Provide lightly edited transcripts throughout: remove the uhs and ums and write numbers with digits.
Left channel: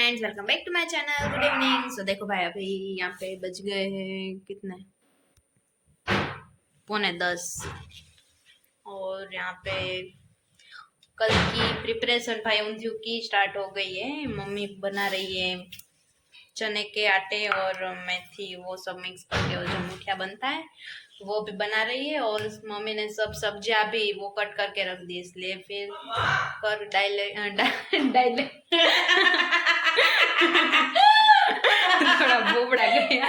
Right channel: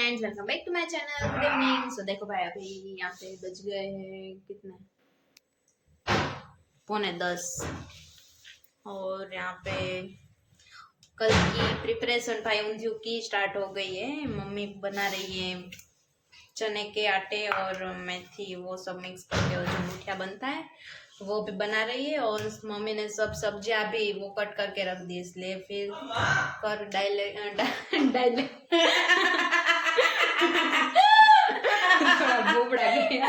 Friends, welcome back to my channel. Good evening. So देखो भाई, अभी यहाँ पे बज गए हैं कितने, 9:45 और यहाँ पे कल की प्रिपरेशन भाई ऊंधियों की स्टार्ट हो गई है। मम्मी बना रही है चने के आटे और मेथी, वो सब मिक्स करके और जो मुठिया बनता है वो भी बना रही है। और मम्मी ने सब सब्जियां भी वो कट करके रख दी, इसलिए फिर कर डायले थोड़ा बोबड़ा गया।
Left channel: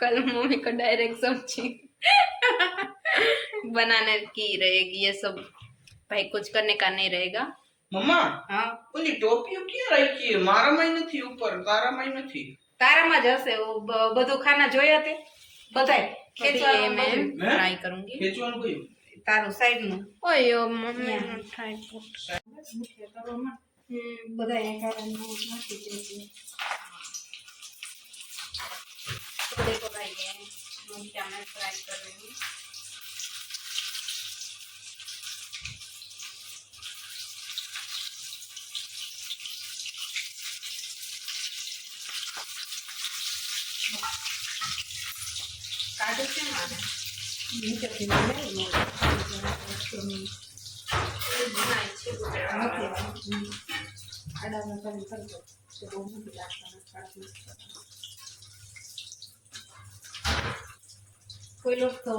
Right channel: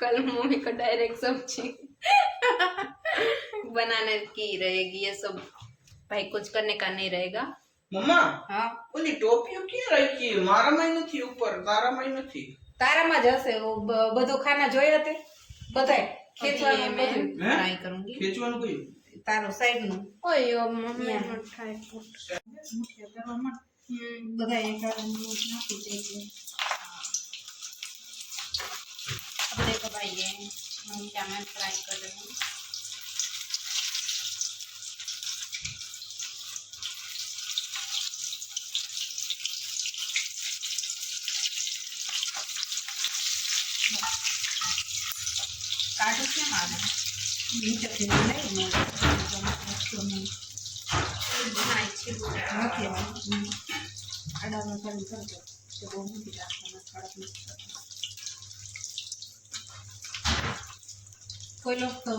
कल मम्मी को डायरेक्ट सब्जी बनाने की रहेगी, ये सब भाई कुछ करने का नहीं रहेगा। मम्मा हाँ, ઓલી ટોપીઓ ક્યાં રાખી? મારામાં નથી ઉપર, તારામાં નથી. તારામાં જ હશે બધું ખાના જોયા તે બધાય ખેંચવાનું मैं બધું ट्राई करूंगी। ખેંચવાનું કયું? તારું સાઈડ નું ओयो मम्मी ने ट्राई મુઠિયા કરવામાં બધા એક હારે નાખી દેજો। अब देखो भाई, ये क्या मैं ट्राई कर रही हूँ। काटो से माना નીચેથી લઈ મળે बिना इच्छे નથી આડામાં કરી કરજો તો બહુ નથી રાખવાના કડક નથી કરવાના। कोई लोग तो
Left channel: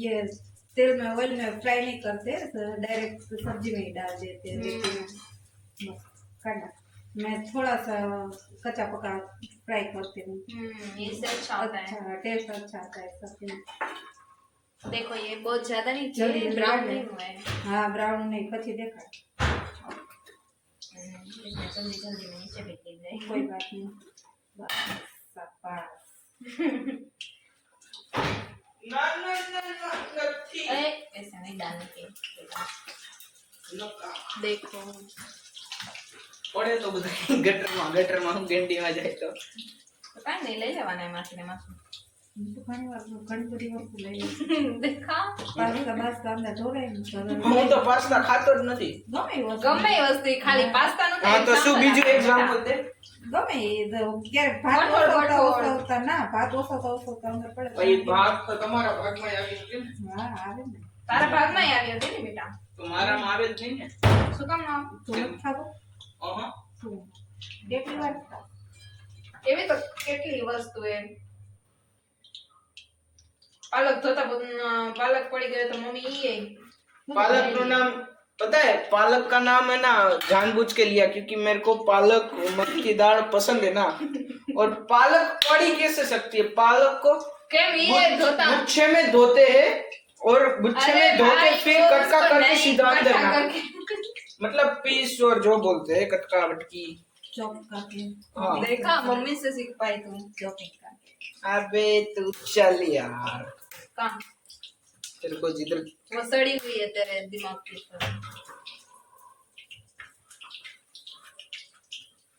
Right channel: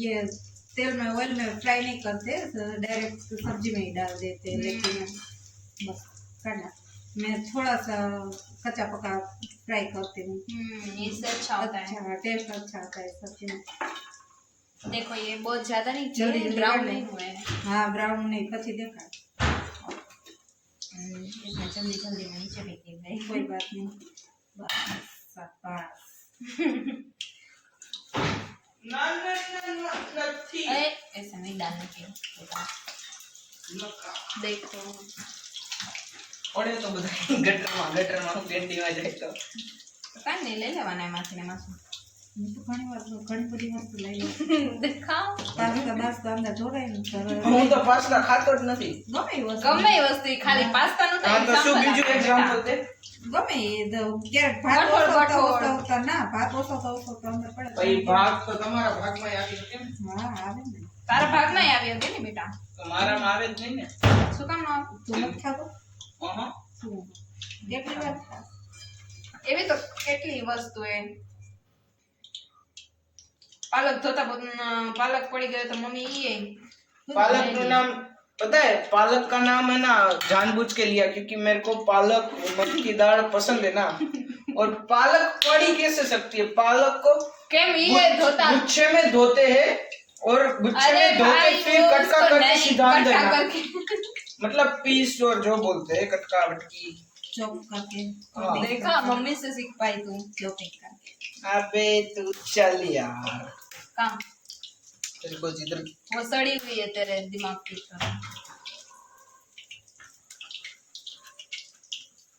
ये तेल में ऑयल में फ्राई नहीं करते, डायरेक्ट सब्जी में ही डाल देते हैं, लेकिन बस करना मैं थोड़ा सा कच्चा पका फ्राई करती हूँ। इससे अच्छा होता है। अच्छा टेस्ट अच्छा आता है सब्जी में। देखो ये बहुत ज्यादा नहीं जल्दी चाहिए, जल्दी ब्राउन कर ले। नहीं हुआ है। हाँ ब्राउन नहीं पची देखा इसमें जल्दी जल्दी में नीचे भी गिर गई। कोई बात नहीं बस शाबाश। ના ના ના ના નથી. अरे ऐसे नहीं डालने के बेटा। देखो પડે તો બધા ગટરમાં હું ગેંડીમાં જાય તો पता नहीं ले लेवाना है मासी ने मासू। હું તો ઘણી બધી વસ્તુ લઈ લઉં देखा તારી તો બસ તો અંદર જોડાય ને હું તો પાસ્તા ખાતો જ નથી. ગમે એ વસ્તુ ગમે એ વસ્તુ ખાલી પાસ્તા નું હા તો શું બીજું એક્ઝામ્પલ દે? ગમે એ ક્યારે ભાત કઠોળ, ઓછો કઠોળ. ઓછો ના ભાત ઓછો તો અંદર પડે ભાઈ ભાગ તો તમારા ભાગમાં આવી કેમ? હા આવે ને તારા ભાગમાં આવી હતી ને બેટા, તો મારામાં આવે જ નહીં ને. શું કામ ના આવે? તું નથી ખાતો અહં. શું કેટલી વાર ખા એવી તો કેટલી વસ્તુ है। पालक धोता पालक पड़ी गए तो मम्मी ये पालक का नाम पता है? पालक का नाम है ना जानबूझ के लिया क्योंकि मेरे को पालक मटर की दाल पसंद है ना। और पालक पड़ी कैसे सकती है? पालक को केम ये धोता गुच्छे में धोते हैं और गुच्छे में धोके फिर कटका करके सीधा देना, मतलब पीस और जो बोलते हैं कटका बटकी। ચોપ કરકે हाँ। देखा मम्मी से सीख पाई तू ચોપિંગ કરકે अबे तू चल यार, काम। तेरे को जिधर वो सड़ी हुई है तेरे दिमाग की तरह।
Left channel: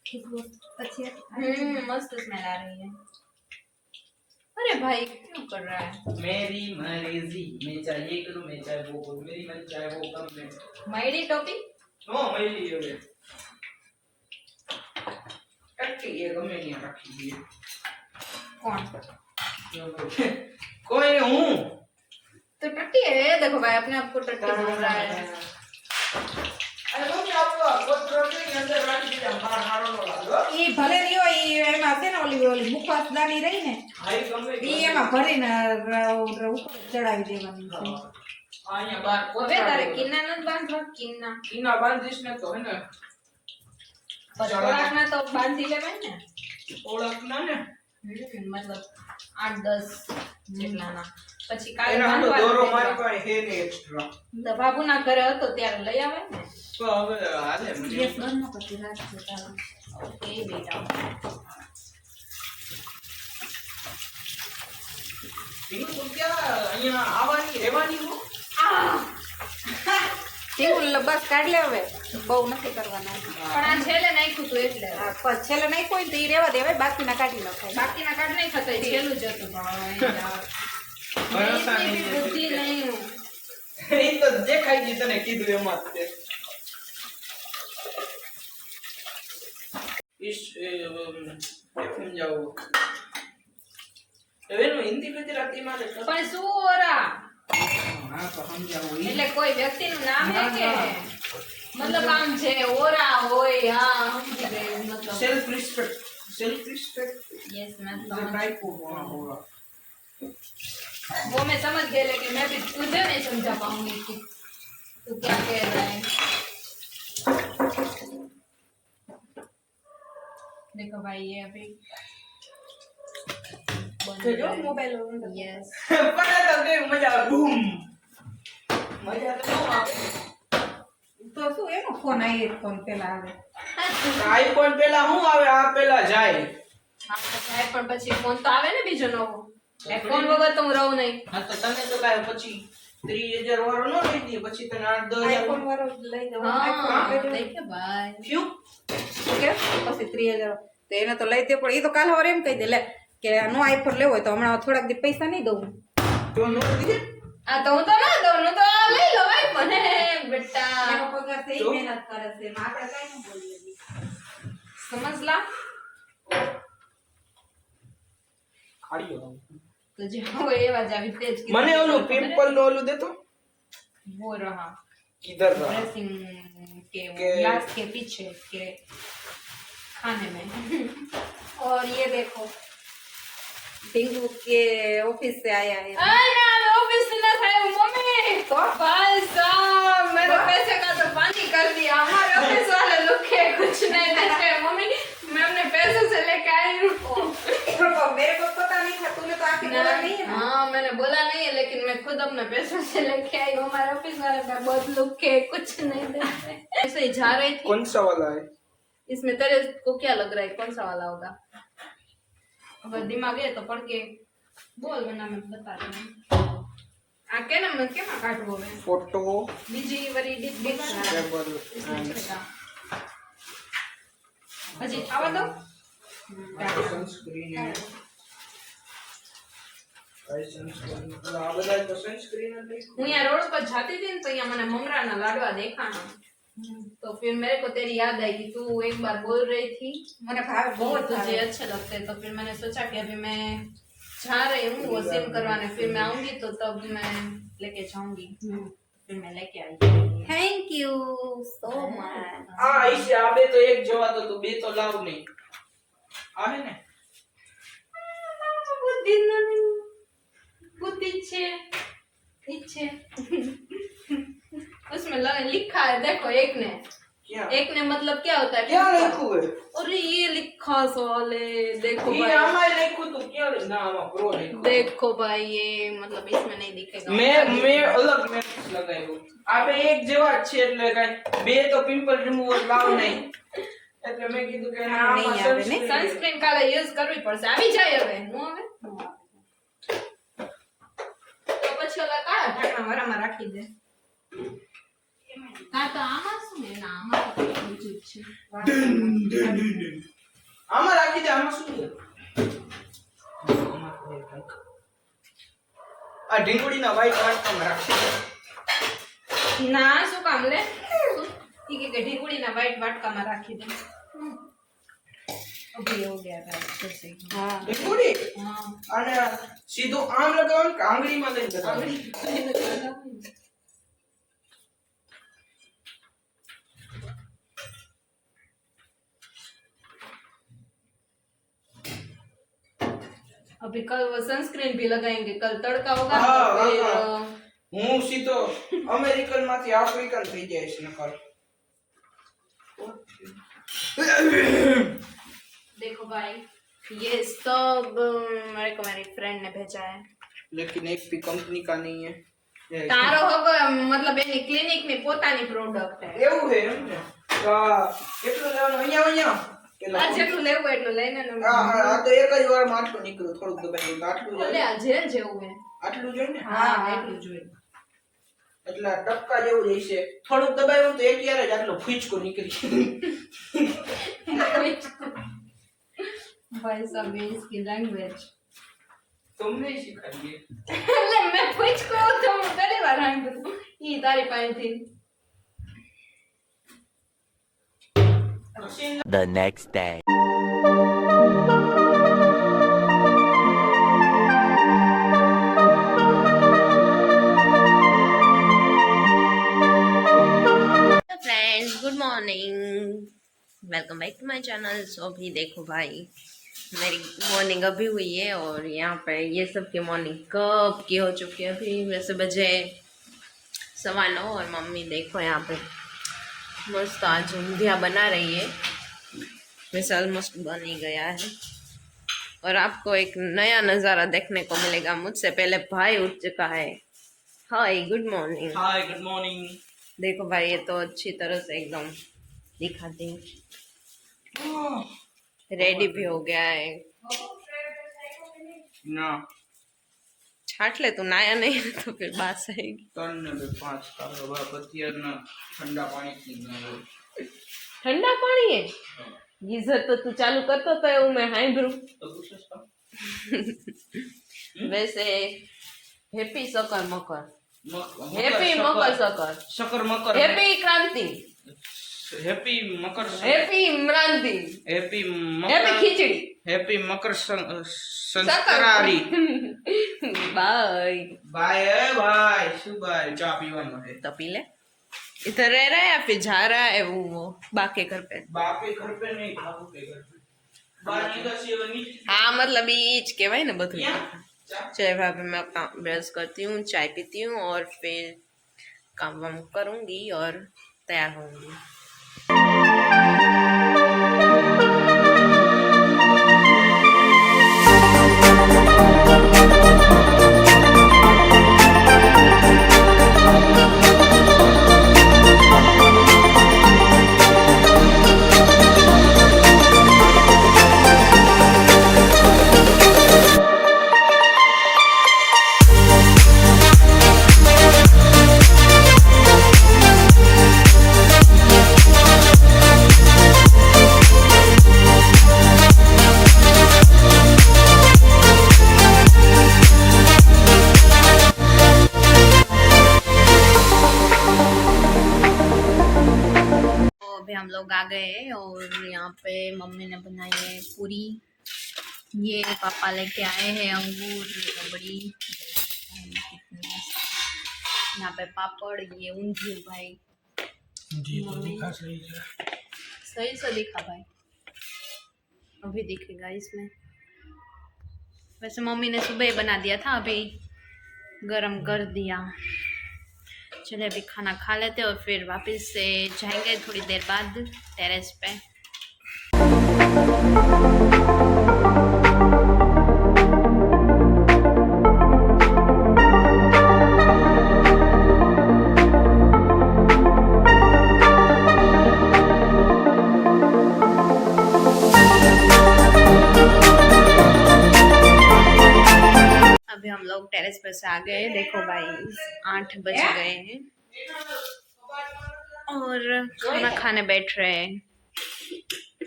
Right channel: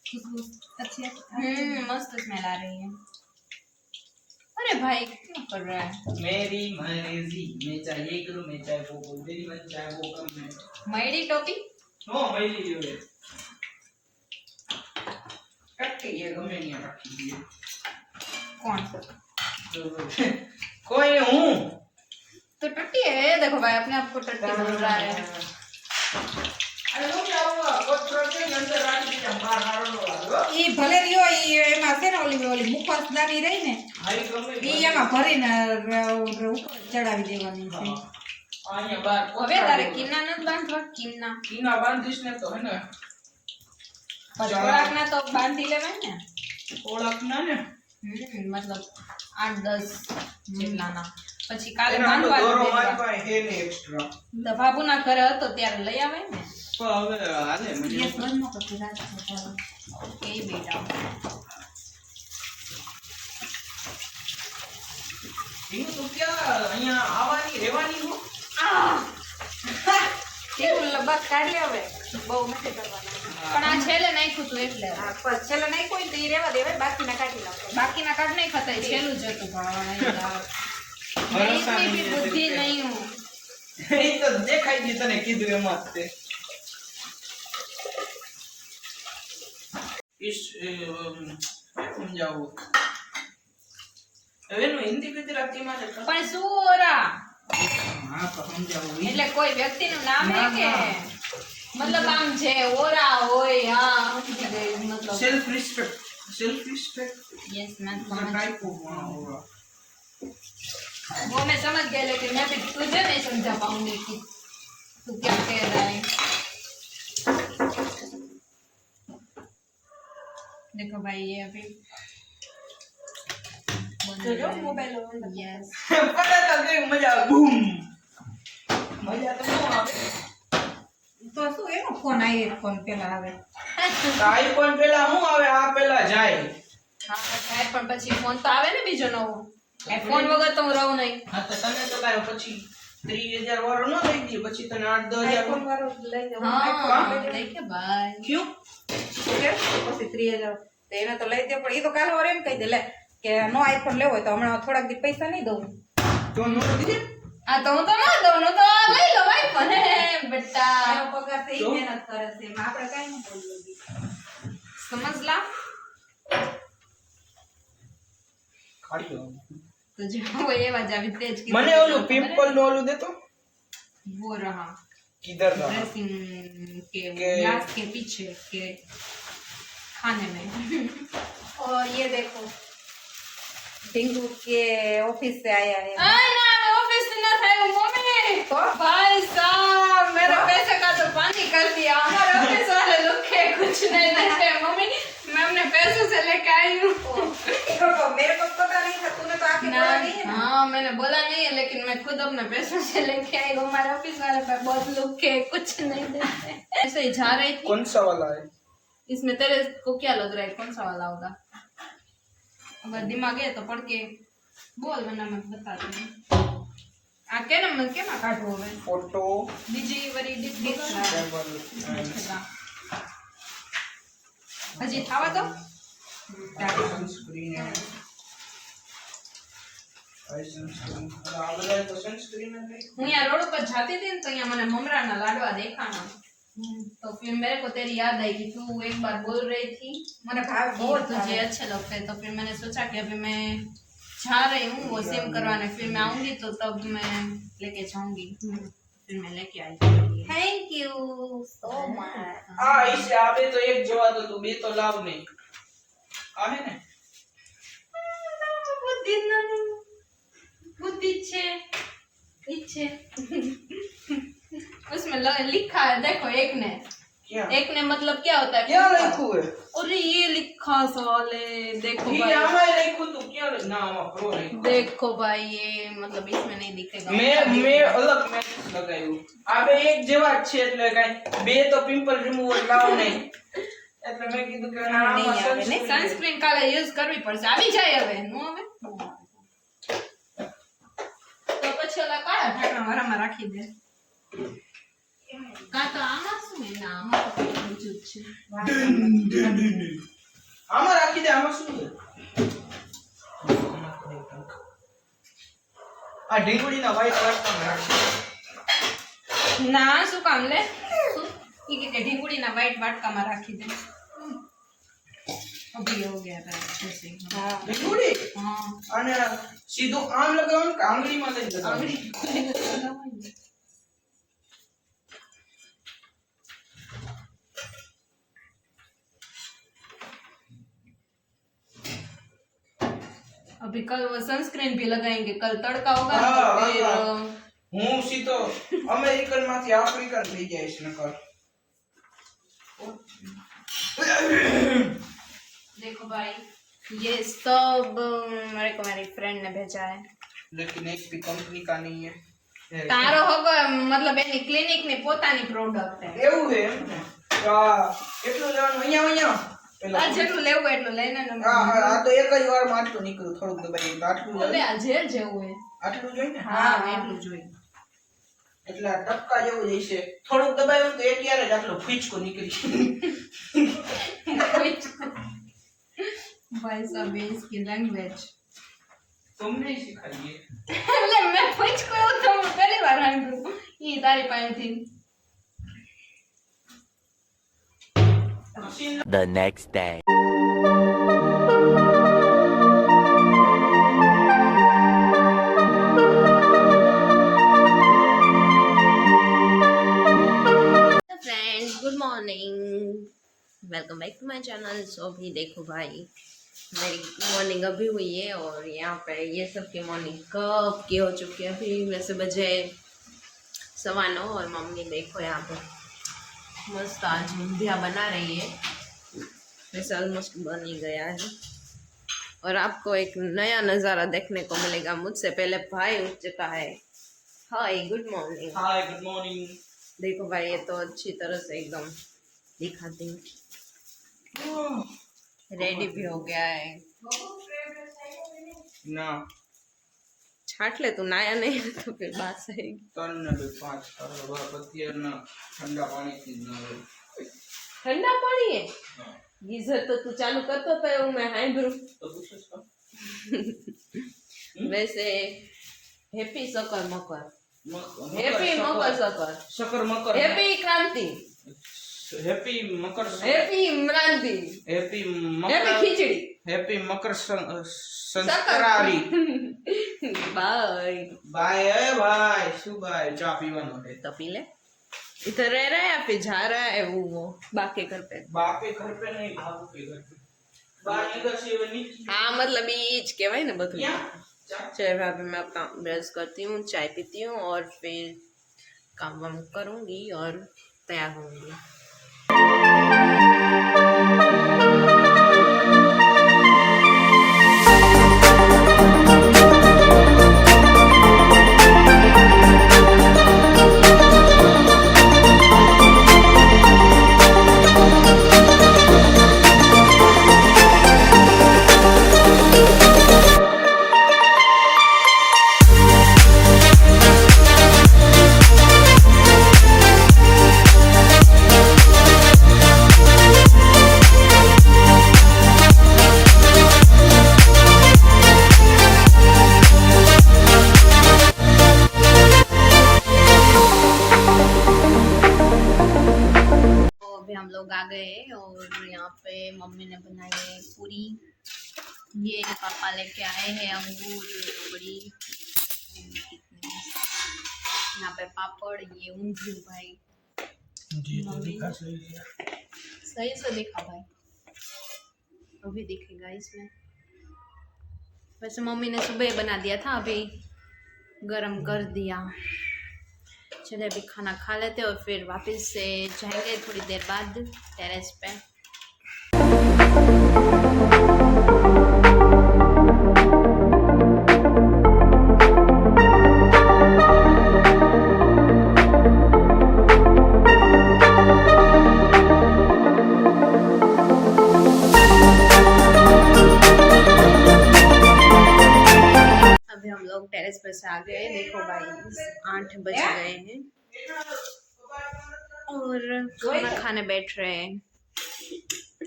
खुशबू अच्छी है मस्त स्मेल आ रही है। अरे भाई क्यों कर रहा है? मेरी मर्जी, मैं चाहे ये करूं मैं चाहे वो करूं, मेरी मर्जी चाहे वो करूं मैं। मईडी टोपी नो मेरी जो है टट्टी ये गमे नहीं रखी है कौन? कोई नहीं हूं तो टट्टी है। देखो भाई अपने आप को टट्टी बोल रहा है। अरे वो क्या हुआ? वो प्रोटीन अंदर रख दिया बाहर मारो वाला એ ભલે રહ્યો એ એમાં છે ને ઓલી ઓલી મુખવાસદાની રહી ને हाई गमे એ એમાં ભરીને ઉપર ચડાવી દેવાની છે। आया बाहर હવે તારે કિન્ના નત બાંધવા? કિન્ના कीना बांधिश ने तो है ना થોડાક ના તો બાંધી લેવાય ને। ओळखना ने मतलब 8-10 જેટલાના પછી કાલે એના તો બાંધવાનું દોરો મારી રહેવા। પાસે હે ને એક્સ્ટ્રા તો બાબુના ઘરે હતો ત્યારે લઈ આવે ને। તો હવે હાલે મને ગેસ બંધ ન કરતી રાત છે ચાલો ઓકે બેટા। તીનું તો ક્યાં અહીંયા આવવાની રહેવાની હો કેવું બસ કાઢ લે હવે બહુ નથી કરવાના પણ આ છેલ્લે નાખ્યું તું એટલે આ છેલ્લે નહીં કોઈ તો એ રહેવા દેવાય બાકીના કાઢી નાખાય। બાકીના કાઢ નહીં ખતાય, છેલ્લું જ હતું। પણ યાર ભરોસા इतनी भी नहीं है बुद्धि तेरे पे। नहीं हूँ। એ તો દેખાઈ ગઈ તને કીધું એમાં જ તે किस समझाओ હવે હિન્દી ગુજરાતી માં લખો પણ શું ઓરા હા તો સમજાવો એટલે કોઈ વ્યક્તિનું નામ હે કે મતલબ આમ છે ઓરા હોય हाँ समझ गई मतलब सेल्फ रिस्पेक्ट यस मैं समझ टाइप होगा वो मैं समझ गया लेकिन मैं भी तुझे नहीं समझा पाऊंगी कि तू क्या कह रहा है देखो भाई ये अभी જો મોબાઈલ અંદર यस पता तो कि मजा આવે बूम मजा तो આવે તો શું એનો ફોન આઈફોન પેલા આવે આઈફોન પેલા હું આવે આ પેલા જાય हाँ है पर પછી ફોન તો આવે ને બીજો નવો ફોન વગર તો હું રહું નહીં હા તો તમે તો કાય પછી 30,000 વાળો ન લઈ દે પછી તને 8-10,000 આઈફોન વાળો લઈ દે हाँ देखे भाई क्यों ઓકે પછી 3000 તો એને તો લઈ દે પણ એ તો કાલ સવારે એમ કહી દે લે કે નો આઈફોન લેવો હોય તો હમણાં થોડાક દી પૈસા નહીં દઉં તો નો દીધે આ તો હું તો ના દઉં હું તો લઈ લો ભાઈ પણ બેટા એનો પગાર છે તો? ઈ મહેનત કરે છે એમાં આપણે કાઈ ન બોલીએ समझ ला ખાડી तो जो ये वजह भी तेज की મને ઓલું પિમ્પલ નો ઓલું દેતો वो रहा किधर रहा ड्रेसिंग के के- ग्लास के पीछे के खाने में और ये देखो टिंकू के ऑफिस से आया है ना ऑफिस से ना था मम्मी तो भाई साहब मेरे पैसे का तो पानी कर दिया हमारे ऑफिस वाले लोग के कुछ नहीं देते मम्मी मैं अपने पैसों से लेके आई हूँ रुको मेरे को पता नहीं था तूने तो आके बोला नहीं है ना हाँ मैंने बोला नहीं है लेकिन मैं खुद अपने पैसों से लेके आई हूँ हमारे ऑफिस वाले पे बहुत लोग के कुछ नहीं देते ऐसे ही जा रही थी कौन सा वाला है इसमें तेरे को क्या लग रहा है कौन सा वाला होगा अगर दिमाग है तो पढ़ के बोल वरना मैं बता दूँ आ के ना मैं क्या काटू હવે फोटो બીજી વરી ડિસ્ક टेबल હજી ખાવા દો सनस्क्रीन है सनस्क्रीन आ બધા તો सनस्क्रीन है હું यहाँ रोड पर जाती थी न तो यहाँ मैंने ममरा ना लाडवा देखा ना तो फिर मेरे को तेरी याद आई कि तू एक बार बोल रही थी મને ભાવ वो बहुत तुझे अच्छे लगते हैं तो फिर मैंने सोचा कि अभी मैं जा रही हूँ वो सिम करवाने फिर मैं आऊंगी तो तब मैं लेके जाऊंगी फिर मैं लेके आई थैंक यू सो मच आ इसे आबे तो एक जवा तो तू बे तो लाव नहीं आवे ने बुद्धि नहीं बुद्धि छे पीछे उसमें लिखा है देखो एक ने क्या एक ने मतलब क्या होता है क्या लिखू है अरे ये लिखा साले देखो ये भाई आमा लिखू तो क्या ना आमा प्रो नहीं देखो भाई ये मतलब इसमें नहीं दिखेगा मैं अलग मैसेज लगायो आबे एक जवा छे એટલે કાઈ બે તો પિમ્પલ રિમૂવર લાવ નહીં એટલે મેં કીધું કે નહીં આવે, નહીં? સનસ્ક્રીન કાલે યુઝ કરવી પડશે આવી જાય હવે નો હવે તો પછી ઓલા કાળા ઢાંકણા વાળામાં રાખી દે કા તો આમાં શું હે ના આમાં તો બીજું જ છે આમાં રાખી દે આમાં શું છે આ ઢીંગુડીના વ્હાઈટ વાટ પણ રાખી દે ના શું કામ લે ઈ કે ઢીંગુડીના વ્હાઈટ વાટકામાં રાખી દે અભી હો ગયા था अच्छे से हाँ ઢીંગુડી हाँ અને સીધું આમ લગાવવાનું કે આંગળીમાં લઈને લગાવવાનું? आंगड़ी खोलने तो लगा हुआ है। अभी कल वो सनस्क्रीन भी लगाएंगे कल तड़का होगा ना हाँ, तो फिर हाँ। હું સીધો અમેરિકન માંથી આફ્રિકન થઈ જઈશ નકર देखो भाई ये सब मेरे को मेरी फ्रेंड ने भेजा है लेकिन एक भी कंपनी का नहीं है તારો હવે મતલબ એની ક્લિનિક ની પોતાની પ્રોડક્ટ છે એવું છે એમ ને તો આ કેટલું લેવાનું અહીંયા અહીંયા પેલા આ જેટલું લેવું હોય એટલું લઈને ને આ તો એક જ વારમાં આટલું નીકળ્યું થોડુંક દબાઈ તો આટલું ઓલે જોઈએ આ જેલ જેવું હે આટલું જોઈએ ને હા એટલું જોઈએ એટલે આ ટપકા જેવું જઈશે થોડુંક દબાયું તો એક યાર જ આટલો ફૂચકો નીકળી भाई साहब ये इसकी लैंग्वेज તમને શીખાડીએ એટલે मैं पूछ को तो मैं पहली बार सांभळ्યું ઈ તારી પાસેથી The next day. Morning, welcome back to my channel. So अभी देखो भाई, मेरी मॉर्निंग अभी हुई है और यहाँ पे ये सब की मॉर्निंग कब की हो चुकी है। अभी वैसे बजे 9:15 और मम्मी देखो यहाँ पे मस्त आज ऊंधिया बना रही है। वैसे ऑलमोस्ट बन ही गया है और आपको एक नया नज़ारा देखने को मिलेगा। मुझसे पहले भाई उठ चुका है। Hi good morning. Hi good morning. देखो भाई, ये तो अच्छी तरह से एकदम दिखाती हूँ, रेडी भी हो गया है। ना छाट ले, तू नया नहीं है तो फिर बात आएगी। તને બે પાંચ કાઢો બાપ અત્યારના ઠંડા પાણીથી જ ના હોય ठंडा पानी है, गीजर तो तू चालू करतो तो है मैं हाई ब्रू। તો પૂછો છો वैसे हैप्पी सकर मकर, મકર हैप्पी मकर सकर, શક્કર મકર हैप्पी क्रांति, હેપી મકર हैप्पी इमरानती, હેપી हैप्पी મકર खिचड़ी। હેપી મકર સંસ્કારી बाय બાય એ ભાઈ શું ભાઈ ચા પીવાનો છે तो पी ले। इधर रह रहा है या फिर जा रहा है वो बाके घर पे? બાપે ઘર पे नहीं भागू के घर पे बाकी का सेवन नहीं हाँ मतलब ईच के भाई ना बधु। क्या चा चले भाभी, मैं अपना ब्रश करती हूँ, चाय पीती हूँ और फिर काम वाम करूँगी और तैयार होंगी। तो अभी हम लोग आ गए हैं और यहाँ पे मम्मी ने बनाई है पूरी। ये पापा लेके आए हैं अंगूर रबड़ी, कितने मस्त। यहाँ पे पापड़, ये ऊंधिયું भाई। जी तो मम्मी दिखा सही है सही से दिखा भाई, अभी दिखेगा इसमें। वैसे मम्मी ने सुबह बना दिया था, अभी गरम कर दिया। चले अभी खाना खा लेते और फिर वापस से जाएंगे थोड़ी देर बाद टेरेस पे। अभी हम लोग टेरेस पर से आ गए। देखो भाई 8 बज गए हैं और खाना खाने बैठ रहे हैं।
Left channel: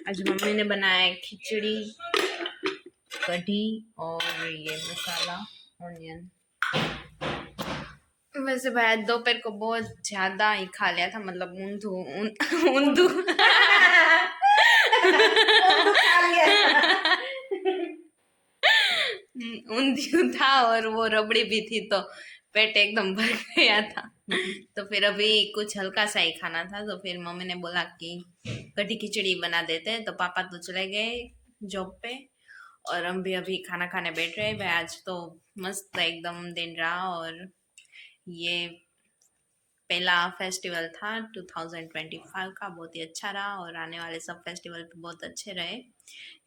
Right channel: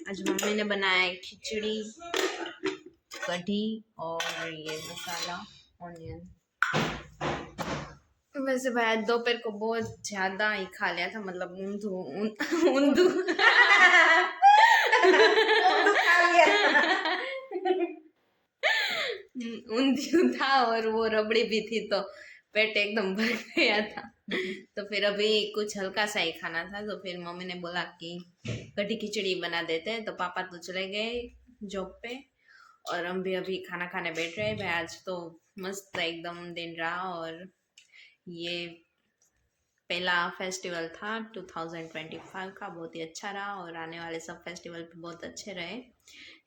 आज मम्मी ने बनाया है खिचड़ी, कढ़ी और ये मसाला ऑनियन। वैसे भाई आज दोपहर को बहुत ज्यादा ही खा लिया था, मतलब ऊंधू ऊंधिયું था और वो रबड़ी भी थी तो पेट एकदम भर गया था। तो फिर अभी कुछ हल्का सा ही खाना था, तो फिर मम्मी ने बोला कि कढ़ी खिचड़ी बना देते हैं। तो पापा तो चले गए जॉब पे और हम भी अभी खाना खाने बैठ रहे हैं। भाई आज तो मस्त एकदम दिन रहा और ये पहला फेस्टिवल था 2025 का, बहुत ही अच्छा रहा और आने वाले सब फेस्टिवल भी बहुत अच्छे रहे।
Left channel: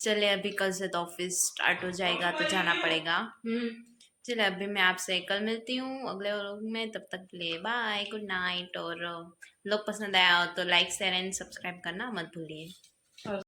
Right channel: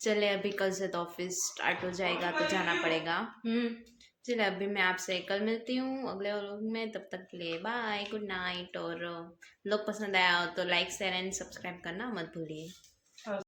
चले अभी कल से तो ऑफिस स्टार्ट हो जाएगा तो जाना पड़ेगा। चले अभी मैं आपसे कल मिलती हूँ अगले व्लॉग में, तब तक के लिए बाय, गुड नाइट। और व्लॉग पसंद आया हो तो लाइक शेयर एंड सब्सक्राइब करना मत भूलिए।